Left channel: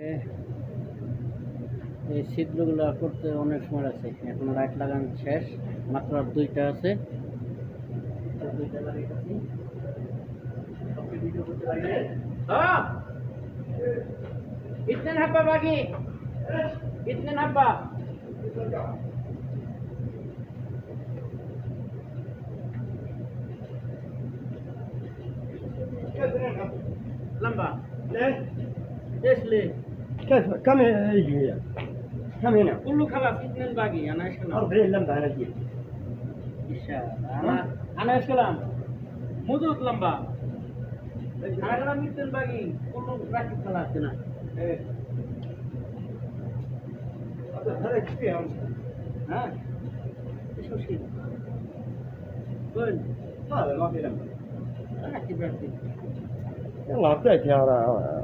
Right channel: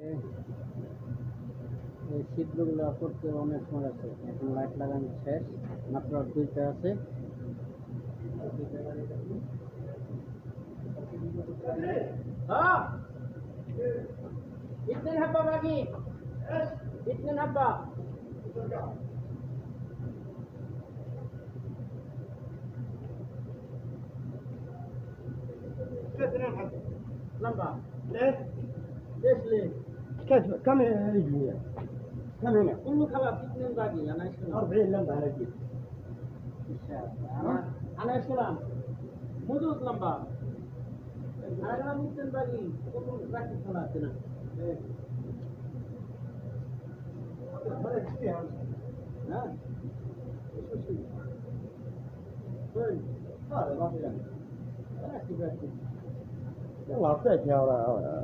এই ছিদ্রগুলো করতে অনেক সময় আছে। এখন লাইট লাগানো শেষ, মাত্র আর দুইটা আছে। দুইটা লাগাইতেছি। ভিডিও করতে পারি। হ্যাঁ, कितने नब्बा बाकी, कितने नब्बा लंबा كم يجي هي؟ كم هنا؟ كله خلاص اثنين باقي. انا ايش كلام 40 لمبة أنا أجيب. انا ايش كلام مدود لمبة. انا كلام اثنين باقي كله راكب خلاص هنا. إيه. هذا كثير. ها ايش مشكلة؟ وين؟ هذا ما في لمبة. راكب راكب. يلا أعطيك يا